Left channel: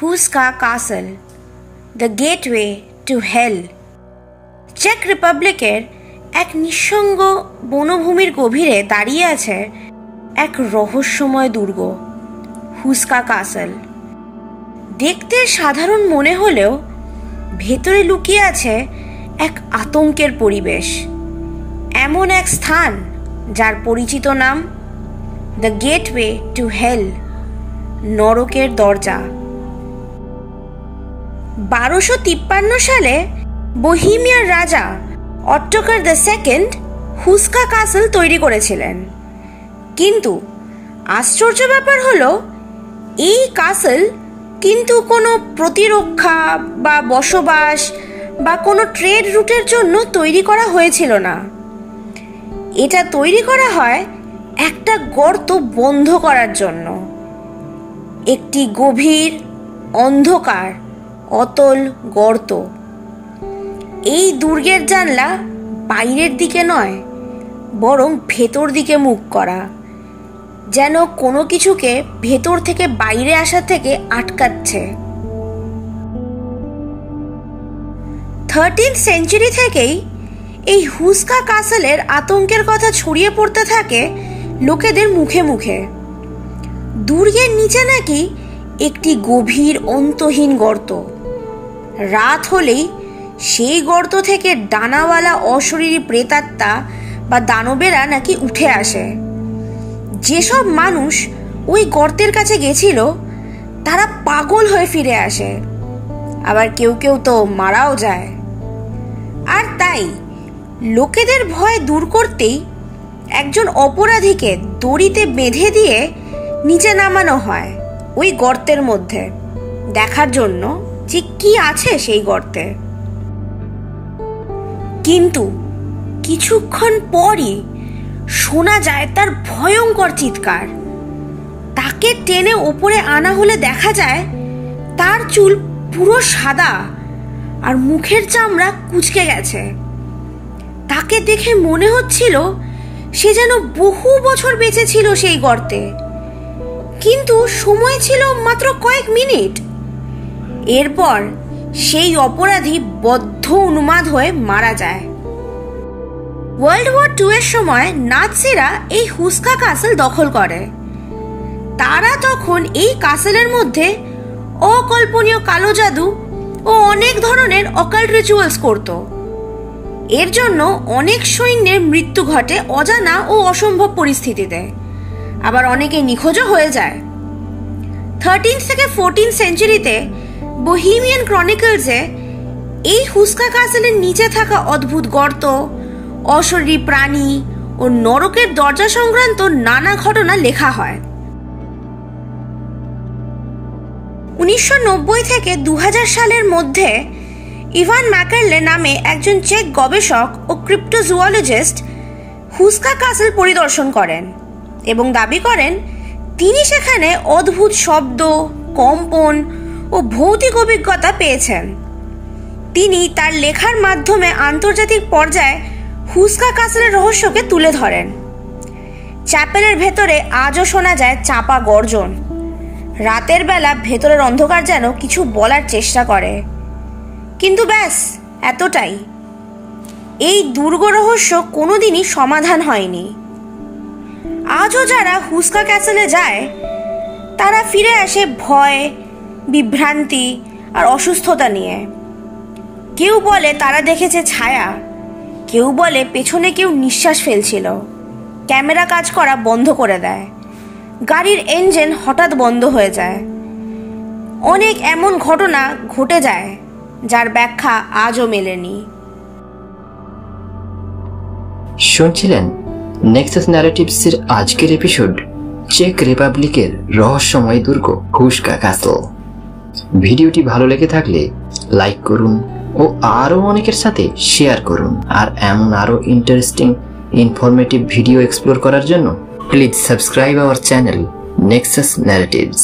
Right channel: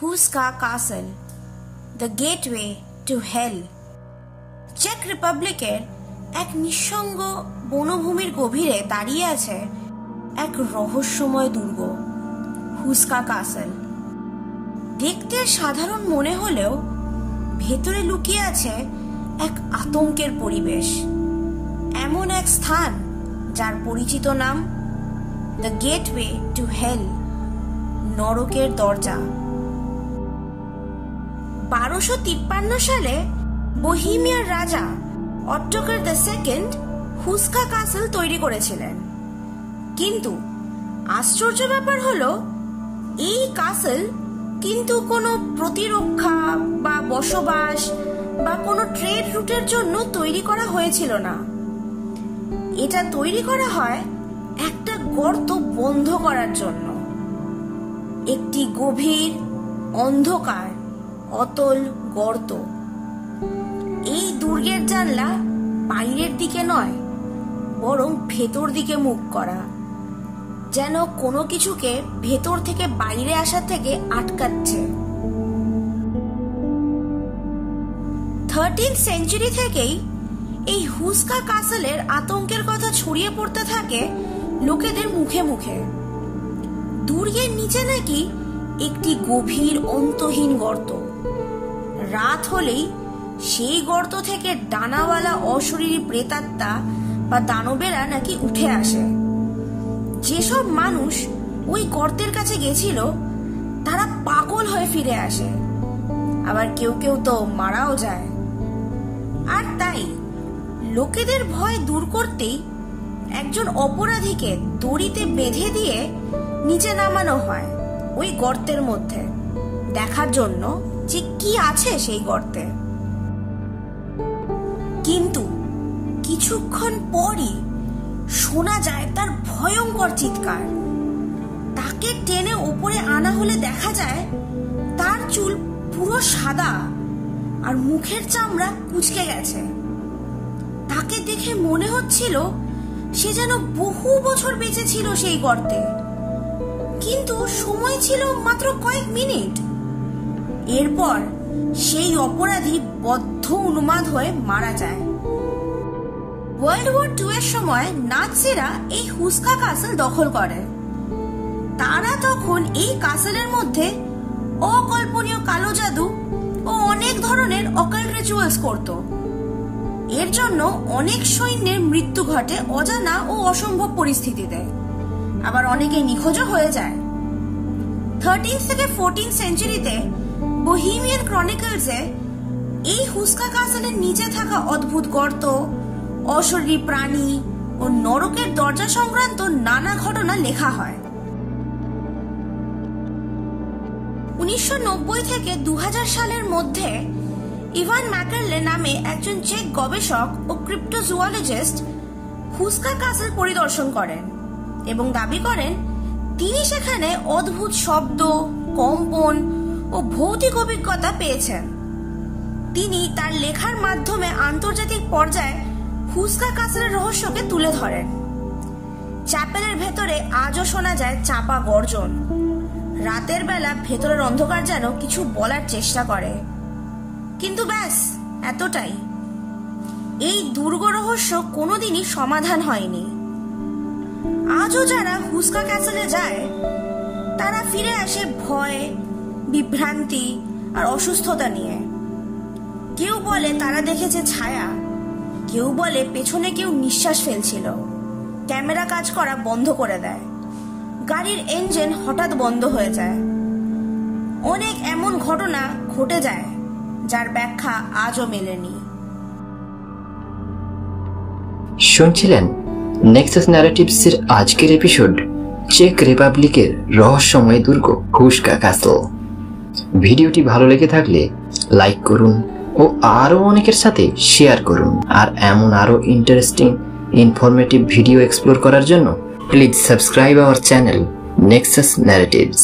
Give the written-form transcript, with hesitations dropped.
হুস্কা castle, the gateway to hell. চেক রিপাবলিকের এক নিঃসঙ্গ বনভূমির গভীরে দাঁড়িয়ে আছে এক রহস্যময় দুর্গ, হুস্কা কাসল। দেখতে সাধারণ মনে হলেও ভেতরে লুকিয়ে আছে এক আতঙ্কের পরিবেশ। এমন এক স্থান যার পরিচিত নাম দ্য গেটওয়ে টু হেল, নরকের দরজা। 1253 সালে বোহিমিয়ার রাজা অট্টোকার দ্য সেকেন্ড হুস্কা কাসল তৈরি করেছিলেন। কিন্তু আশ্চর্য ব্যাপার হলো, এই কাসল কিন্তু কোনো প্রতিরক্ষা বা বসবাস বা কোনো ট্রেড রুটের জন্য তৈরি করা হয়েছিল না। এটা তৈরি করা হয় একটা গর্ত বন্ধ করার জন্য। একটি গভীর অন্ধকার অতল গর্ত। এই দুর্গের জানলা বাইরের দিকে নয়, বরং ভেতর দিকে মুখ করা, যেন কোনো কিছুকে ভেতর থেকে বাইরে আসা থেকে আটকাচ্ছে। 13th সেঞ্চুরি থেকেই এই হুস্কা কাসলের আতঙ্কের কথা ছড়িয়ে পড়তে থাকে লোকেদের মুখে মুখে। দুর্গের নিচে নাকি একটি গভীর অন্তহীন গর্ত। রাত হলেই সেই গর্ত থেকে ডানাওয়ালা অশরীরী প্রেতাত্মা বা দানবেরা নাকি উঠে আসে। যেসব মানুষ ওই গর্তের কাছে গেছিল তারা পাগল হয়ে ফিরে আসে, আবার কেউ কেউ তো মারাও যায়। আর তাই লোকেদের ভয় দূর করতেই একজন অপরাধীকে দড়িতে বেঁধে দিয়ে নিচে নামানো হয় ওই গর্তের মধ্যে, দেখার জন্য যে কি আছে সেই গর্তে। কিন্তু কিছুক্ষণ পরই শোনা যায় তার ভয়ঙ্কর চিৎকার। তাকে টেনে ওপরে আনা হলে দেখা যায় তার চুল পুরো সাদা আর মুখের চামড়া কুঁচকে গেছে। তাকে দেখে মনে হচ্ছিল সে যেন বহু বছর বেঁচে ছিল সেই গর্তে, কিন্তু সময় ছিল মাত্র কয়েক মিনিট। এরপর সেই অপরাধী বদ্ধ উন্মাদ হয়ে মারা যায়। ওয়ার্ল্ড ওয়ার 2 এর সময় নাৎসিরা এই হুস্কা কাসল দখল করে। তারা তখন এই কাসলের মধ্যে অকল্পনীয় কালো জাদু ও অনেক ধরনের অকাল্ট রিচুয়ালস করত। এর জন্য অনেক সৈন্যের মৃত্যু ঘটে অজানা ও অসম্ভব পরিস্থিতিতে, আবার অনেকে নিখোঁজও হয়ে যায়। 13th থেকে 14th সেঞ্চুরিতে বোহিমিয়ান ক্রনিকলসে এই হুস্কা কাসলের নিচে থাকা অদ্ভুত গর্ত, অশরীরী প্রাণী ও নরকের দরজা সংক্রান্ত নানা ঘটনা লেখা হয়। 1990 থেকে 2000 সালের মধ্যে ইভান ম্যাকারলে নামে একজন চেক গবেষক ও ক্রিপ্টোজুওলজিস্ট হুস্কা কাসল পরিদর্শন করেন এবং দাবি করেন তিনি সেখানে অদ্ভুত শব্দ, কম্পন ও ভৌতিক অভিজ্ঞতা পেয়েছেন। তিনি তার লেখার মাধ্যমে আন্তর্জাতিক পর্যায়ে হুস্কা কাসলের রহস্যকে তুলে ধরেন। চ্যাপেলের ভেতরে আজও শোনা যায় চাপা গর্জন। রাতের বেলা ভেতরের অন্ধকার যেন কিছু বলার চেষ্টা করে, কিন্তু ব্যাস এতটাই। এই দুর্গ রহস্য কোনোদিনই সমাধান হয়নি। আজও যারা হুস্কা ক্যাসলে যায় তারা ফিরে আসে ভয়, বিভ্রান্তি আর অসুস্থতা নিয়ে। কেউ বলে তারা দেখেছে ছায়া, কেউ বলে পেছনে কেউ নিঃশ্বাস ফেলছিল। ক্যামেরা কাজ করা বন্ধ করে দেয়, গাড়ির ইঞ্জিন হঠাৎ বন্ধ হয়ে যায়। অনেক এমন ঘটনা ঘটে যায় যার ব্যাখ্যা আজও মেলেনি। শুনছিলেন নেক্সাস ন্যারেটিভসের আজকের এপিসোড, চেক রিপাবলিকের রহস্যময় দুর্গ হুস্কা কাসল। ভিডিওটি ভালো লেগে থাকলে লাইক করুন ও আরও অনেকের সাথে শেয়ার করুন। আর এমন আরও ইন্টারেস্টিং ইনফরমেটিভ ভিডিও এক্সপ্লোর করার জন্য please subscribe our channel Nexus narratives.